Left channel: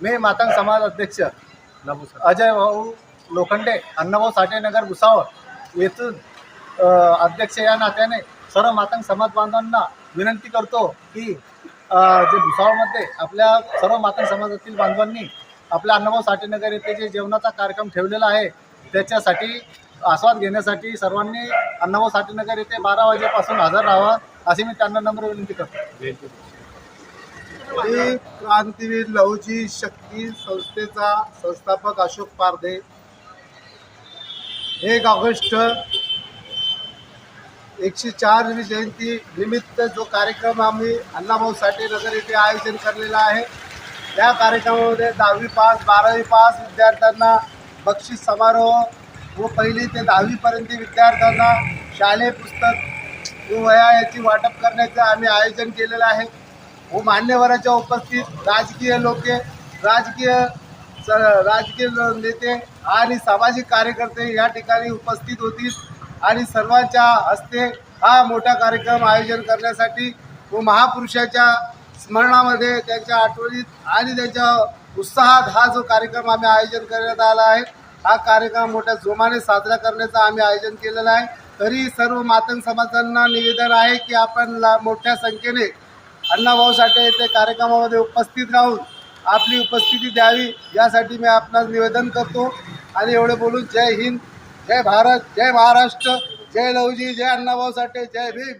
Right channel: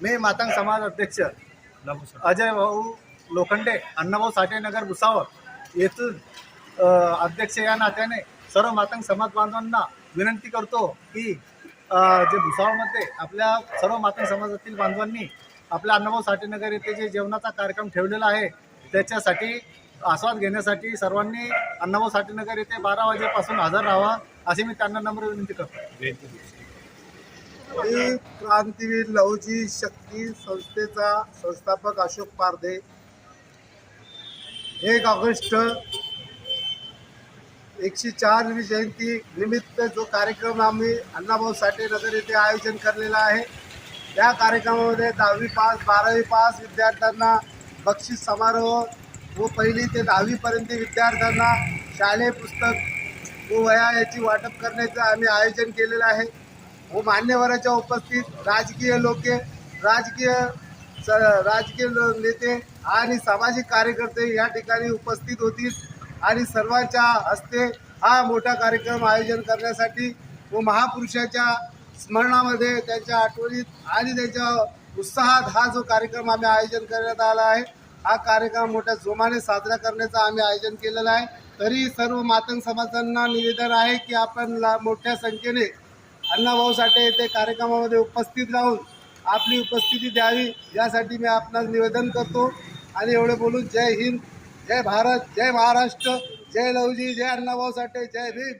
मातंग समाज अध्यक्ष. अजय भाऊ लोखंडे अण्णाभाऊ साठे नगर भुसावळ येथून अध्यक्ष या नात्याने सर्व मातंग समाज बांधवांना विनंती करतो की जे भुसावळमध्ये आपल्या सर्व मातंग समाजातील बांधवांनी आपल्या अण्णाभाऊ साठे नगर येथे जे जेवणाचा कार्यक्रम ठेवलेला आहे त्याच्यासाठी आस्वाद घेण्यासाठी सर्वांनी अण्णाभाऊ साठे नगर येथे बारा वाजेपासून हजर राहावं अशी मी त्यांना नम्र विनंती करतो. मी क्रांतीवीर लहुजी शक्ती संस्थेचा संस्थापक अशोक पारधे. एक ऑगस्ट एकशे चारवी जयंती निमित्त जो कार्यक्रम आम्ही अण्णाभाऊ साठे नगर येथे आयोजन करलेला आहे. या कार्यक्रमामध्ये दहावी पास बारावी पास विद्यार्थ्यांना बक्षीस समारोह व पहिली ते दहावीपर्यंत विद्यार्थ्यांना शालेय पुस्तक व वह्या याची वाटप करण्याचं आम्ही आयोजन केलेलं आहे. व मान्यवराच्या उपस्थित राजकीय लोके राजकीय स- राजकीय नेते आणि सामाजिक कार्यकर्ते या ठिकाणी उपस्थित होतील. आणि सर्वांच्या हस्ते हा मोठा कार्यक्रम आयोजन करण्यासाठी व महापुरुषाच्या स्मरणामध्ये त्यांच्या आठवणीत आणि त्यांच्या उत्साहात हा जो कार्यक्रम आम्ही आयोजन करण्यात आला आहे हा कार्यक्रम मोठ्या जोमाने साजरा करण्याचं आम्ही आयोजन केलेलं आहे. तरी सर्व मातंग समाजांना निवेदन आहे की आपण मोठ्या संख्येने अण्णाभाऊ साठे येथे कार्यक्रमामध्ये उपस्थित राहून आपली उपस्थिती द्यावी यासाठी मी आपणास निवेदन करतो. आणि एवढे बोलून जय हिंद जय भारत जय महाराष्ट्र जय लवजी जय अण्णाभाऊ साठे जय भीम.